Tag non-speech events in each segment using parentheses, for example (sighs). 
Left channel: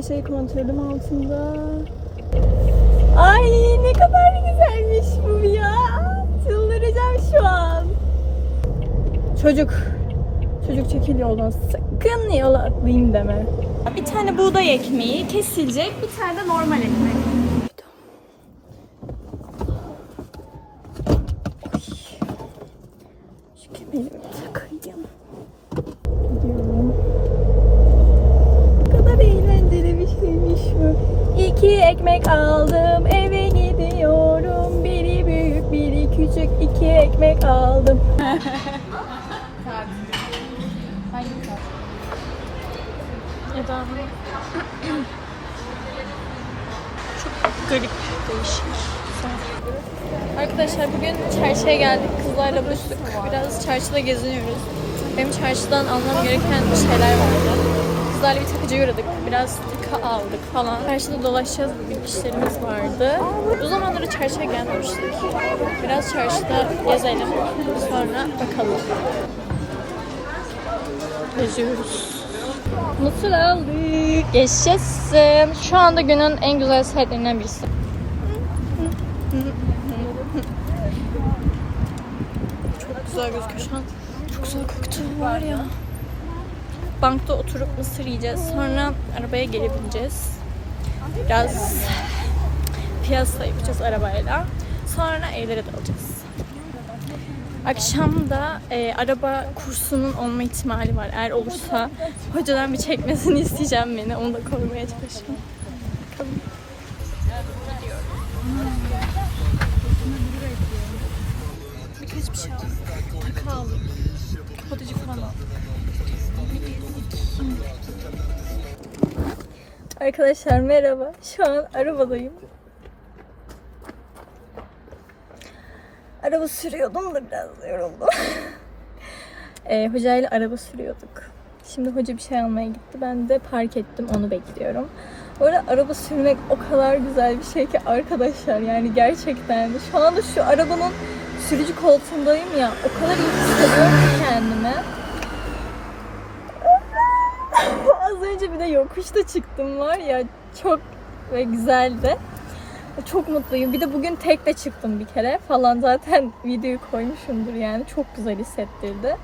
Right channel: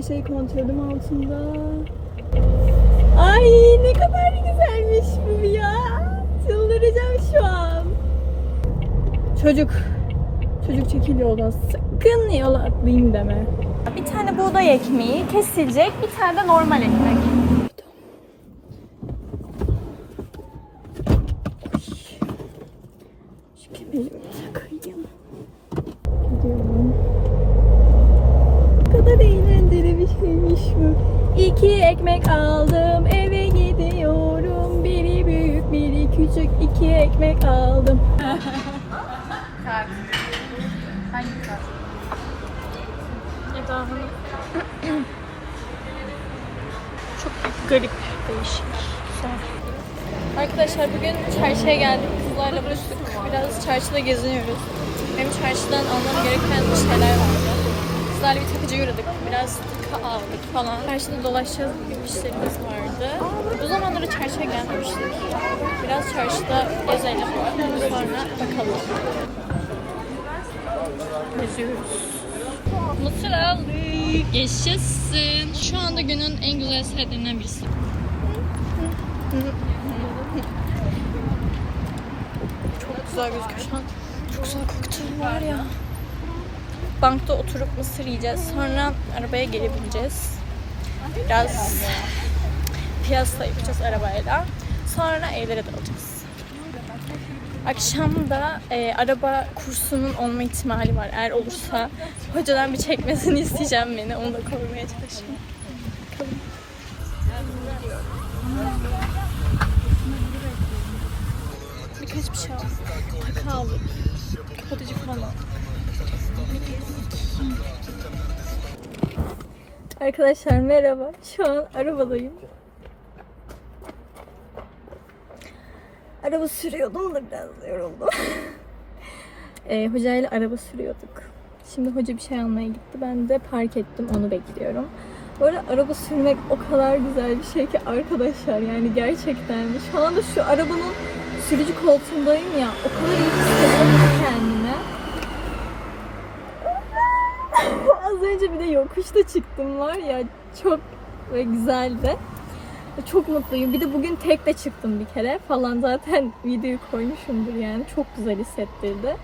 Her şey kontrolüm altında. Ay ne kadar güzelmiş bu ya. Çıldıracağım şu an. Çocuk. Çocuk çekil yoldan. Sakın yola atlayayım deme. Bir tane buğday ekmeği kesilecek. Bir tane de normal ekmek. Küçük iki ekmek aldım. Çok garip, değişik. Arkadaşlar bugün çarşıya geldik. Kızlarla buluştuk. Biraz çarşıda geziniyoruz. Benim çarşıdan almam gereken şeyler vardı. Kızlarla bir takıcıya uğradık. Biraz ika aldık falan. Çarşıda dolaşacağız bugün. işlerimiz vardı. O zamanları çarşıya gelmemiştik. Biraz çarşıda gezelim. Sonra bakalım. Geziyoruz. Aldık. Geçeceksin. Şu anda günün en güzel saatlerinden birisi. Çok güzel gözüküyor. Çok güzel koktu var ya. Bankta oturup mısır yiyeceğiz. Sonra arabaya geri bineceğiz. Biraz piyasa yapacağız arabayla. Sonra evlere dalacağız. Akşam da e, araba kursunun olma ihtimali var. Eğer olursa hocadan bir çekmesini (laughs) isteyeceğim beni. Onu da korumaya çalışacağım. Birkaç bir şey aldık. Takı aldık. Kapatıcı falan aldık. Arkadaşlar merhaba. Şu an arabadayım. Araba sürüyordum da biraz yoruldum. (laughs) e, hocayla araba sürüyorduk. Şimdi hoca bir şey almaya gitti. Ben de park ettim. Onu bekliyorum. Bu arada araba sürmek o kadar güzel bir şey ki arkadaşlar yani gerçekten. Şu anda şu arabanın sürücü koltuğundayım ya. O kadar iyi hissediyorum kendimi. Az önce bir de yokuşta çıktım var ya. Çok ve güzeldi. Çok mutluyum. Bir de bugün tek de çıktım bir kere falan. Zaten (laughs) videoyu koymuşumdur yani. Çok güzel hissettirdi.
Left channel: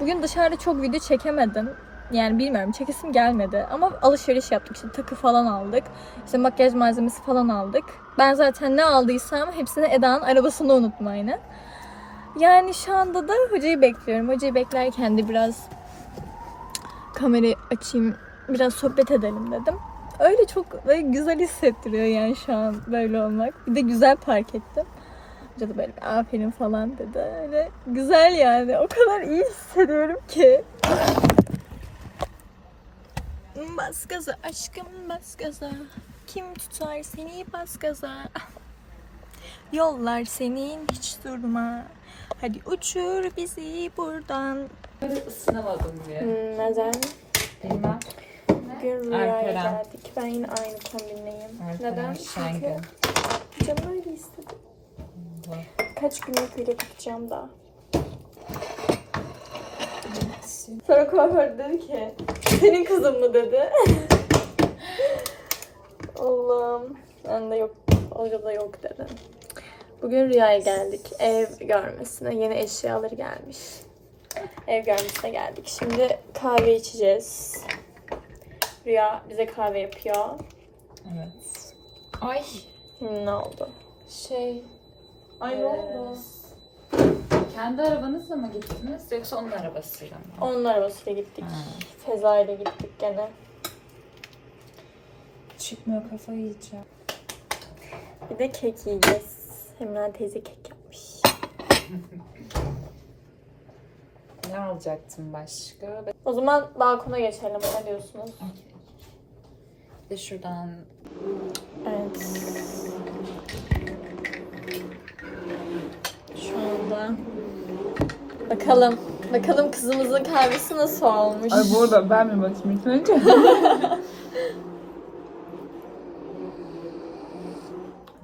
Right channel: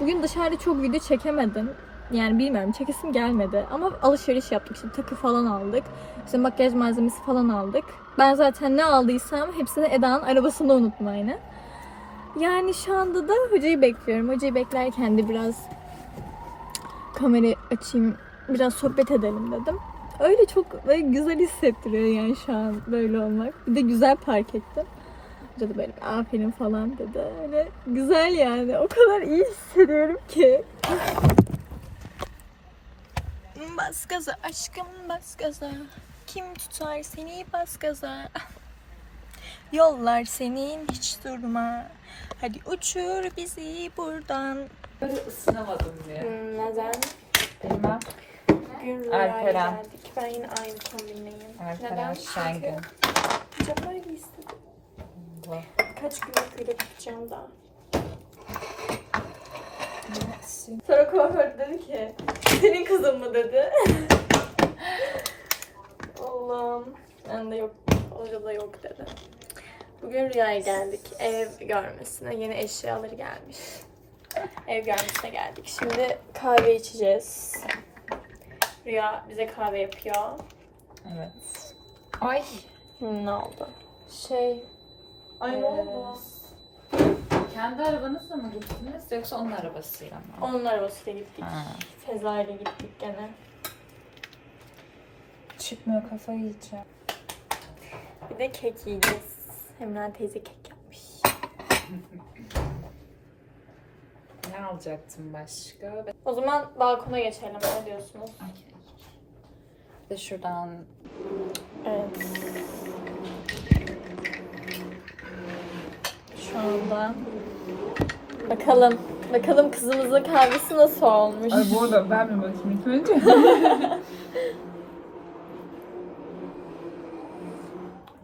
Bugün dışarıda çok video çekemedim. Yani bilmiyorum çekesim gelmedi. Ama alışveriş yaptık işte takı falan aldık. İşte makyaj malzemesi falan aldık. Ben zaten ne aldıysam hepsini Eda'nın arabasında unuttum aynı. Yani şu anda da hocayı bekliyorum. Hocayı beklerken de biraz kamerayı açayım, biraz sohbet edelim dedim. Öyle çok böyle güzel hissettiriyor yani şu an böyle olmak. Bir de güzel park ettim. Hoca da böyle aferin falan dedi. Öyle güzel yani. O kadar iyi hissediyorum ki. Bas gaza aşkım bas gaza. Kim tutar seni bas gaza. Yollar senin hiç durma. Hadi uçur bizi buradan. Isınamadım diye. Neden? Bilmem. Bugün rüyaya geldik. Ben yine aynı kombinleyim. Neden? Çünkü canım öyle istedi. Kaç gündür öyle takacağım daha. Sonra kuaför dedi ki senin kızın mı dedi. (laughs) Allah'ım. Ben de yok. Hoca da yok dedi. Bugün rüyaya geldik. Ev görmesine. Yeni eşyaları gelmiş. Ev görmesine geldik. Şimdi kahve içeceğiz. Rüya bize kahve yapıyor. Evet. Ay Ne oldu? şey. Ay ne Ee, oldu? Kendi arabanızla mı gittiniz yoksa onun arabasıyla mı? Onun arabasıyla gittik. Ha. Feza ile gittik gene. Çıkmıyor kafayı yiyeceğim. Bir de kek yiyeceğiz. Emrah teyze kek yapmış. (laughs) Ne alacaktım başka? O zaman balkona geçelim. Ne diyorsunuz? Bir de şuradan Evet. Şu anda bakalım. Bakalım kızımızın kahvesi nasıl olmuş. burada ben mi başım önce? (laughs)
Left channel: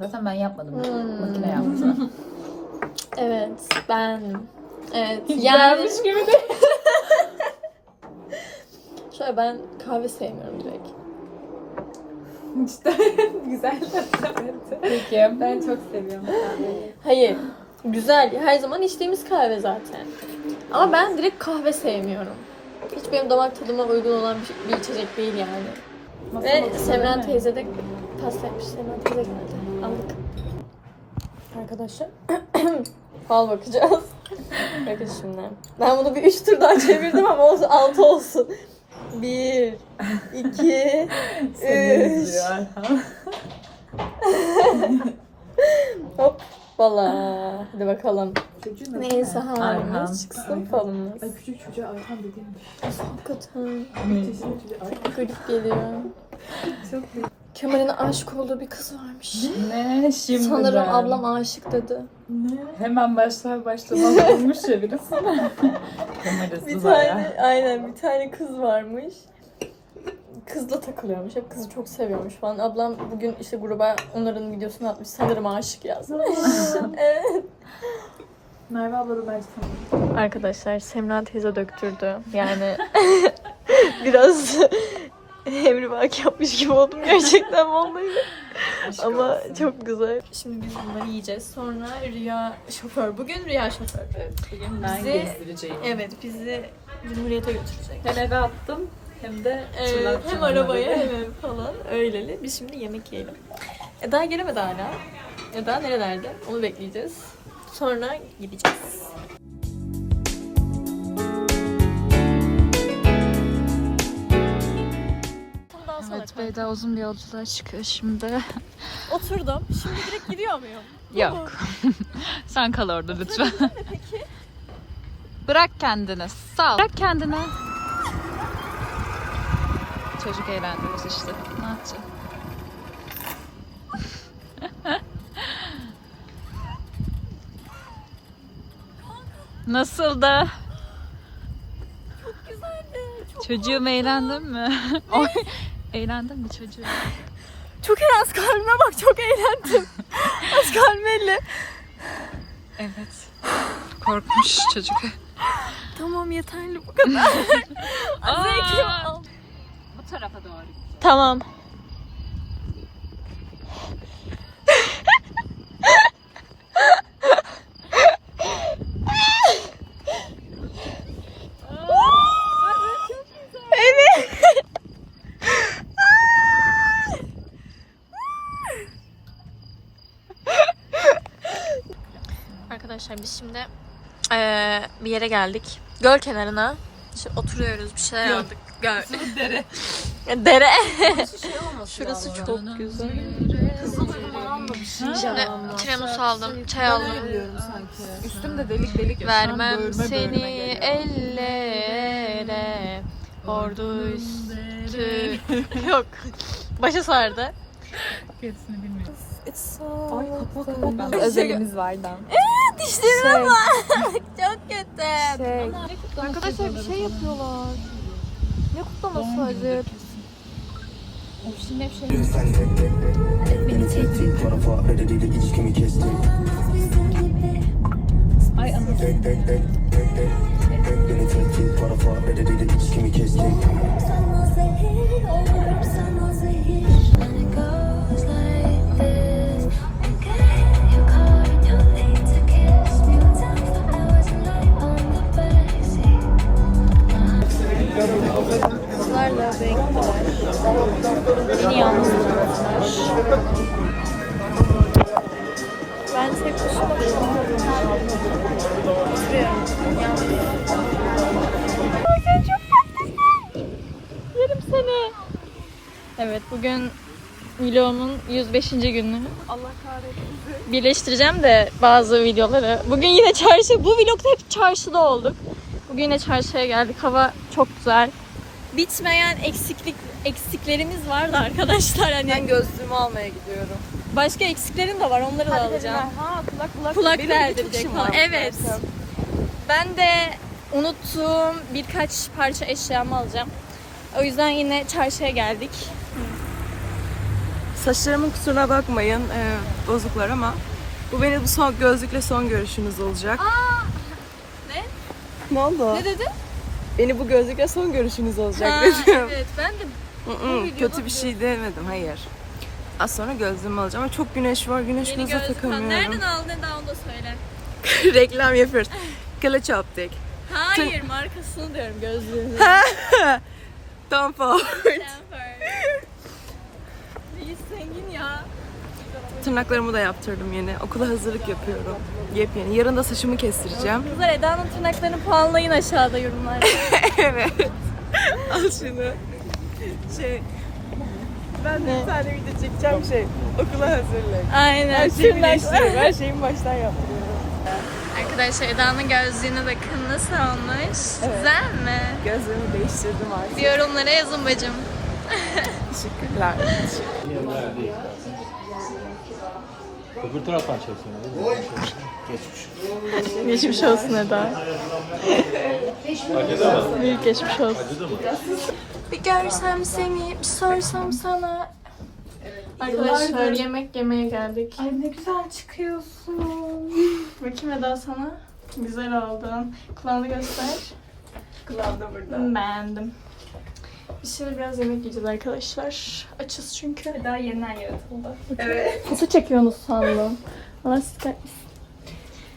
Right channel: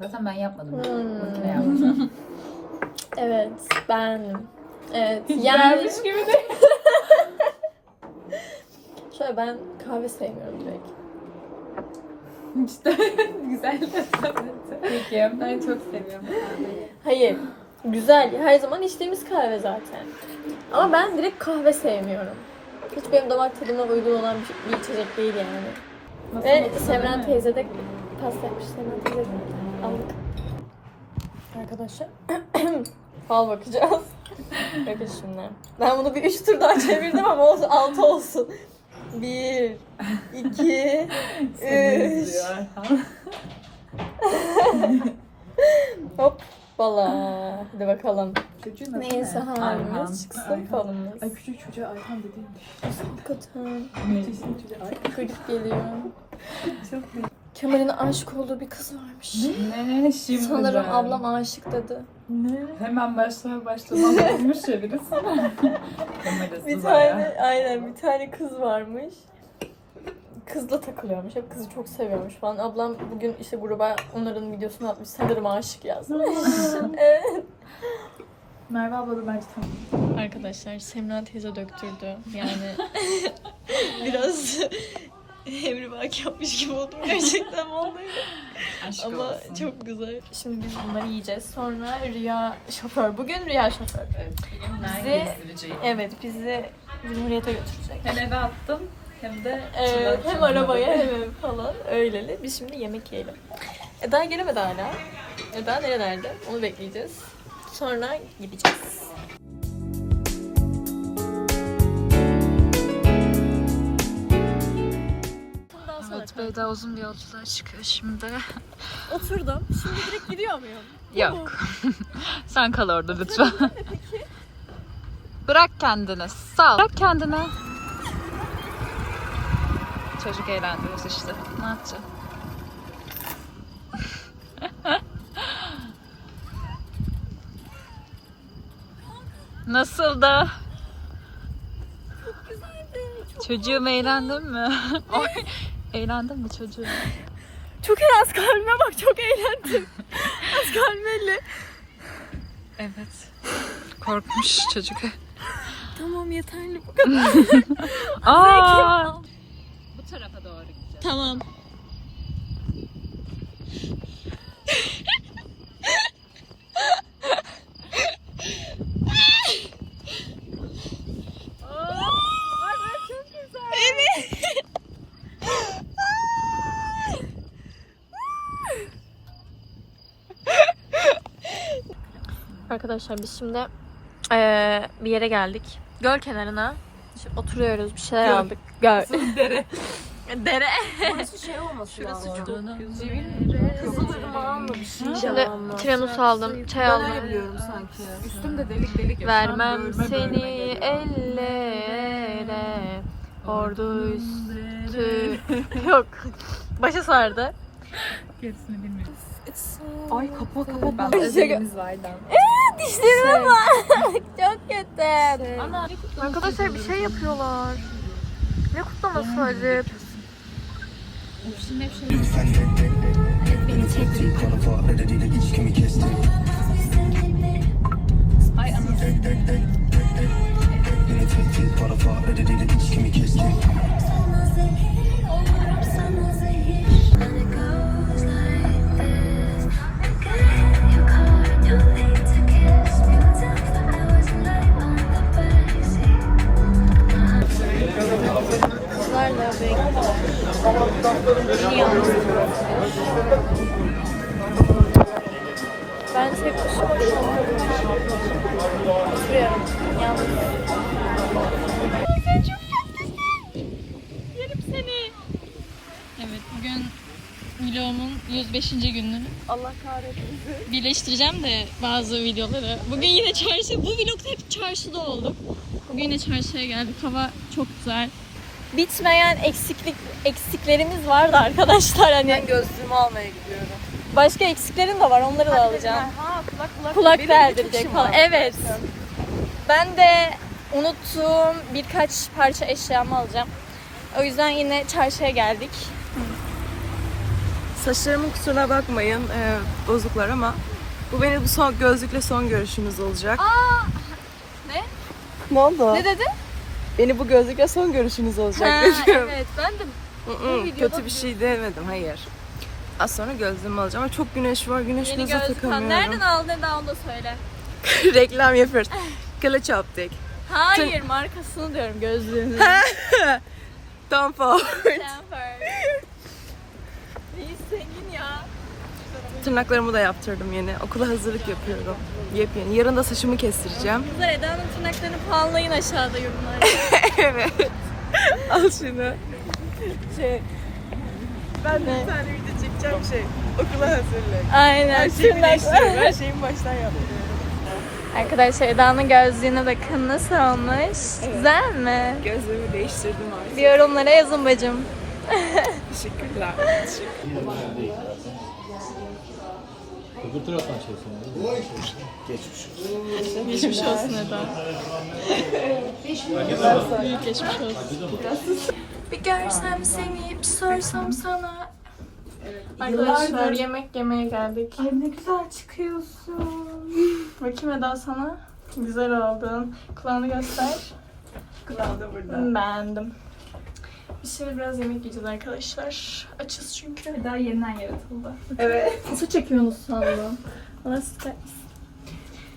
Zaten ben yapmadım. Hmm. (laughs) Evet, beğendim. Evet, yani Hiç gibi değil. (laughs) şöyle ben kahve sevmiyorum direkt. İşte (laughs) güzel Peki. Ben çok seviyorum kahveyi. Hayır, güzel. Her zaman içtiğimiz kahve zaten. Ama ben direkt kahve sevmiyorum. Hiç benim damak tadıma uygun olan bir, bir içecek değil yani. Ve Semren teyze de pasta yapmış. Semren teyze geldi. Aldık. Arkadaşlar (clears throat) fal bakacağız. (laughs) Bakın şimdi. Ben bunu bir üç tur daha çevirdim ama olsun, altı olsun. Bir, iki, (laughs) üç. (laughs) Hop. Valla. Hadi bakalım. Neyse halimiz çıksın falımız. Ay küçük çocuğa Ayhan dediğim Hakikaten. yaşında çocuğa Ayhan. Garip geliyor. Çok değil. Kemal'in aşık olduğu bir kız varmış. Ne şimdi Sanırım ben? ablam aşık dedi. Ne? Hemen başlar başlamaz (laughs) olmuş ya birisi. Bir tane aynen bir tane kız varmış. Kızla takılıyormuş. Hep kızı çok seviyormuş falan. Ablam bugün işte gruba onların videosunu atmış. Sanırım aşık yazmış. (laughs) evet. Merve abla da bence tanıyor. Arkadaşlar Semra teyze döktürdü. Yani (laughs) biraz emrivaki yapmış gibi oldum gerçekten vallahi. Aşk Ama olsun. çok güzel. Şimdi biz bunları yiyeceğiz. Sonra Rüya şoför. Bugün Rüya şoför. Evet, bugün Bizi-. Evet bizi Cumhuriyet'e götürecek. Hem eve attım hem de Evet, hem arabaya hem ev falan öyleli. Biz şimdi yemek yiyelim. Eda gelemedi hala. Eda nerelerde? Onu bekleyeceğiz. Sonra gideceğiz. Evet Beyda uzun bir yolculuğa çıkıyor şimdi. (laughs) Oturdum. Şimdi direkt gidiyor muyum? Yok. (laughs) Sen kal orada lütfen. Bırak kendini. Sağ ol. Bırak kendini. Çocuk eğlendiriyoruz işte. Ne yapacağım? (laughs) Nasıldı? Çocuğum eğlendin mi? Eğlendin mi çocuğum? (laughs) Çok az kalbime bak çok eğlendim. (laughs) az kalbiyle. Evet. Korkmuş çocuk. Tamam yeterli bu kadar. (laughs) Aa! Bu tarafa doğru git. tamam. Arkadaşlar biz şimdi eee, bir yere geldik. Göl kenarına. İşte oturuyoruz, bir şeyler Göl. aldık. Göl. Dere. (laughs) Dere. Şurası Şurası çok güzel. Şimdi Şimdi tiramisu aldım, çay aldım. biliyorum sanki. Üstümde delik delik. Vermem seni ellere Ordu üstü (laughs) Yok Başa sardı Gerisini bilmiyorum. Ay kapağı kapağı. Özelimiz vardı. Dişlerime bak. (laughs) Çok kötü. Kutlu. Arkadaşlar bir şey yapıyorlar. Ne kutlaması acaba Şimdi hep şey. Ay anasını. Beni yalnız Ben tek başıma kaldım Oturuyorum yalnız Sen çok tatlısın Yerim seni Evet bugün vlogumun 105. günü Allah kahretsin. birleştireceğim de bazı videoları. Bugün yine çarşı, bu vlogda hep çarşıda olduk. Bugün yine çarşıya geldik. Hava çok güzel. Bitmeyen eksiklik eksiklerimiz vardı arkadaşlar hani. Ben gözlüğümü almaya gidiyorum. Başka eksiklerim de var. Onları da alacağım. Ha kulak kulak. Kulak Benim deldirecek falan. Evet. zaten. Ben de unuttuğum birkaç parça eşyamı alacağım. O yüzden yine çarşıya geldik. Saçlarımın kusuruna bakmayın. Ee, bozuklar ama Bu benim son gözlükle son görüşümüz olacak. Aa, ne? Ne oldu? Ne dedin? Beni bu gözlükle son görüşünüz olacak Ha, dedim. Evet ben de Hı hı, Bu videoda Kötü bir şey demedim hayır. Az sonra gözlüğümü alacağım ama çok güneş var. Güneş yeni göze gözlük takamıyorum. Nereden aldın daha onu da söyle. (laughs) Reklam yapıyoruz. Kılıç optik. Hayır markasını diyorum gözlüğünü. (laughs) Tom Ford. İyi senin ya. Tırnaklarımı da yaptırdım yeni. Okula hazırlık yapıyorum. Yepyeni. Yarın da saçımı kestireceğim. Kızlar Eda'nın tırnaklarını puanlayın aşağıda yorumlarda. (laughs) evet. Al şunu. Şey. Ben de bir tane video çekeceğim şey. Okula hazırlık. Aynen. Her şeyin (laughs) baştan yaptırıyorum. Arkadaşlar Eda'nın gözlüğüne bakın nasıl olmuş. Güzel mi? Gözlüğümü değiştirdim artık. Bir yorumlara yazın bacım. (laughs) Teşekkürler. Teşekkür Öbür taraftan çeksene. Geçmiş. Geçmiş olsun Eda. Büyük geçmiş olsun. Bir görsem seni, bir sorsam sana. Arkadaşlar yemek yemeye geldik. Ay ne güzel çıkıyorsun. Bakayım Eda sana. Güzel oldun. Kulağını göster. Kulağım da burada. Beğendim. Biz şimdi biraz yemek yiyeceğiz arkadaşlar. Açız çünkü. Daha yeniden yaratıldı. Evet. Nasıl çekiyorsunuz sandım. Ama siz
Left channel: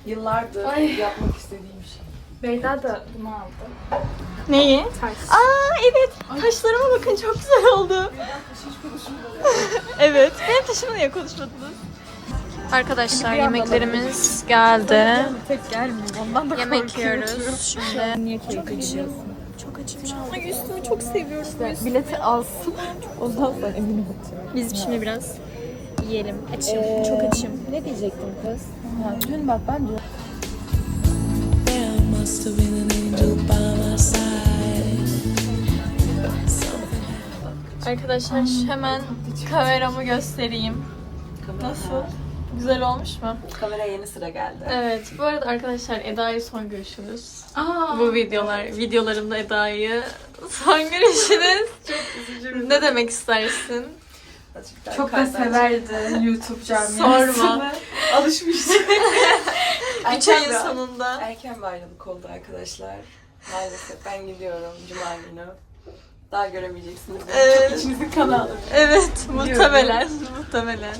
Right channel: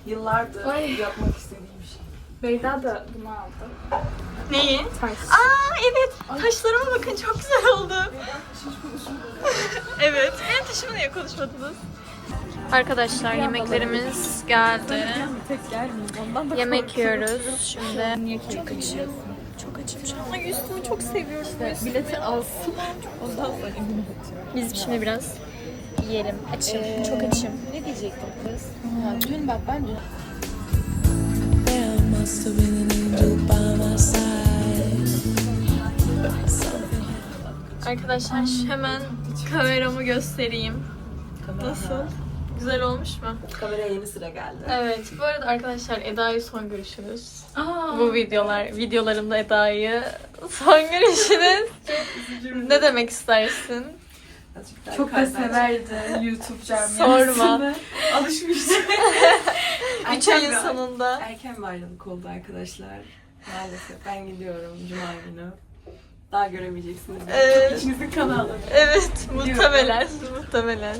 Yıllardır yapmak istediğim şey. Beyda da bunu aldı. Neyi? Aa evet. Taşlarıma bakın çok güzel oldu. (laughs) evet. Ben taşımı niye konuşmadınız? Arkadaşlar yemeklerimiz geldi. Yemek yiyoruz şimdi. Çok açım. Açım. Ay üstünü çok seviyorum. bu üstünü. Bileti alsın. Ondan sonra eminim Biz şimdi biraz yiyelim. Açım. çok açım. Ne diyecektim kız? Ha, dün bak ben dün There must have been an angel by my side. Something Arkadaşlar hemen kameramı göstereyim. Nasıl? Güzel olmuş mu? Kamera yeni sıra geldi. Evet. Bu arada arkadaşlar Eda'yı son görüşünüz. Bu videolar, videolarımda Eda'yı son görüşünüz. (laughs) ne demek istersin? Çok da severdi YouTube (laughs) camiasını. Sorma. (laughs) Alışmıştı. Üç ayın sonunda. Erken bir ayrılık oldu arkadaşlar. Maalesef ben gidiyorum Cuma günü. Daha göremeyeceksiniz. Evet. İçinizin kanı alır. Evet, muhtemelen. Muhtemelen.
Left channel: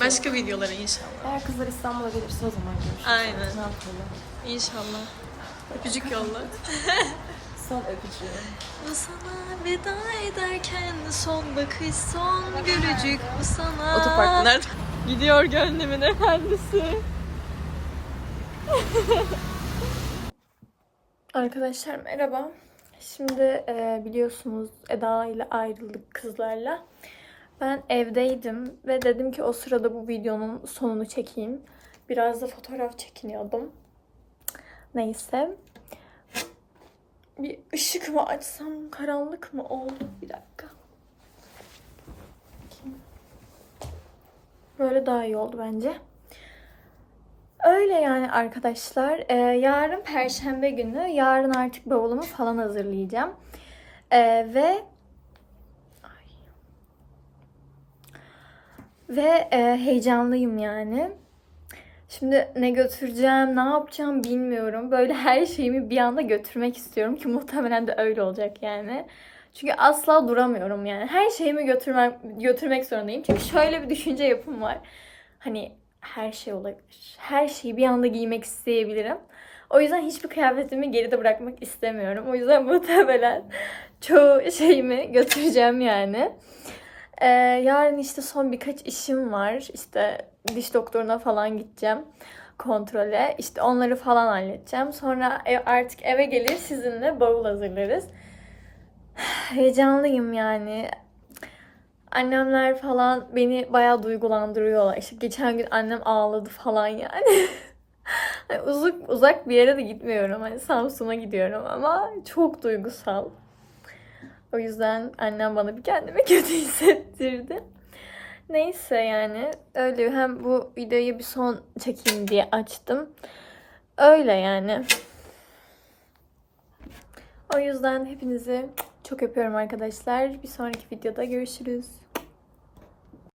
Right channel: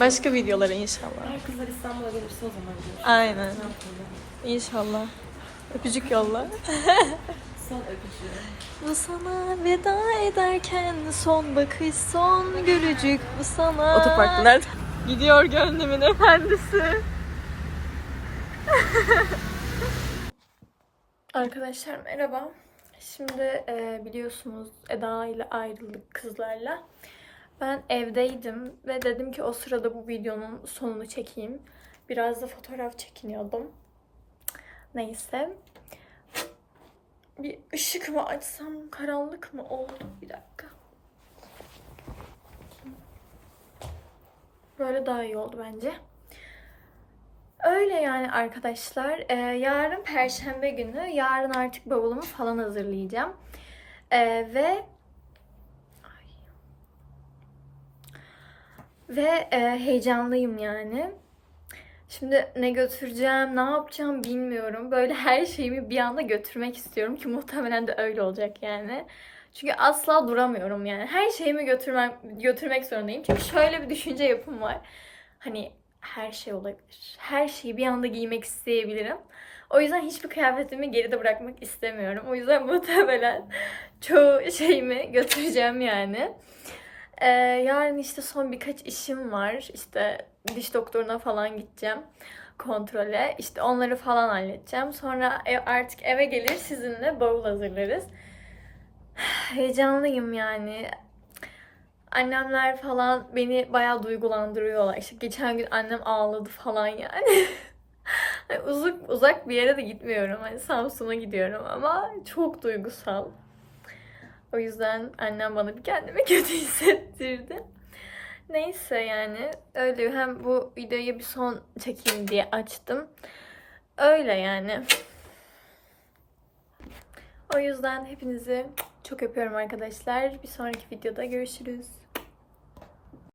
Başka videolara inşallah. Eğer kızlar İstanbul'a gelirse o zaman görüşürüz. Aynen. İnşallah. Öpücük yolla. (laughs) Son öpücüğüm. Bu sana veda ederken son bakış son gülücük bu sana. Otoparkta nerede? Gidiyor gönlümün efendisi. (laughs) Arkadaşlar merhaba. Şimdi e, biliyorsunuz Eda ile ayrıldık kızlarla. Ben evdeydim ve dedim ki o sırada bu videonun sonunu çekeyim. Biraz da fotoğraf çekiniyordum. Neyse. Bir ışık mı açsam karanlık mı oldu? Bir dakika. Böyle daha iyi oldu bence. Öyle yani arkadaşlar. Ee, yarın perşembe günü. Yarın artık bavulumu falan hazırlayacağım. Ee, ve ve e, heyecanlıyım yani. Şimdi ne götüreceğim, ne yapacağım bilmiyorum. Böyle her şeyimi bir anda götürmek istiyorum ki muhtemelen de öyle olacak yani. Çünkü asla duramıyorum yani. Her şeyimi götürmek, götürmek zorundayım. Çünkü şöyle bir düşünce yapım var. Hani her şey olabilir. Her şeyi bir anda giymek isteyebilirim. O yüzden hiçbir kıyafetimi geride bırakmak istemiyorum. O yüzden (laughs) muhtemelen çoğu şeyimi götüreceğim yani. Ee, yarın işte son birkaç işim var. İşte diş doktoruna falan gideceğim kontrole. İşte onları falan halledeceğim. Sonra artık eve gelir sizinle bavul hazırlarız. (sighs) Heyecanlıyım yani. Annemler falan beni bayağı duygulandırıyorlar. İşte geçen gün annem ağladı falan yani. (laughs) Uzak uzak bir yere de gitmiyorum. Hani Samsun'a gidiyorum ama çok duygusal. O yüzden annem bana bir kendime (laughs) kötü hissettirdi. Neyse yani öyle hem bu videoyu bir son çekeyim diye açtım. Öyle yani. O yüzden hepinizi çok öpüyorum arkadaşlar. Bir sonraki videoda görüşürüz.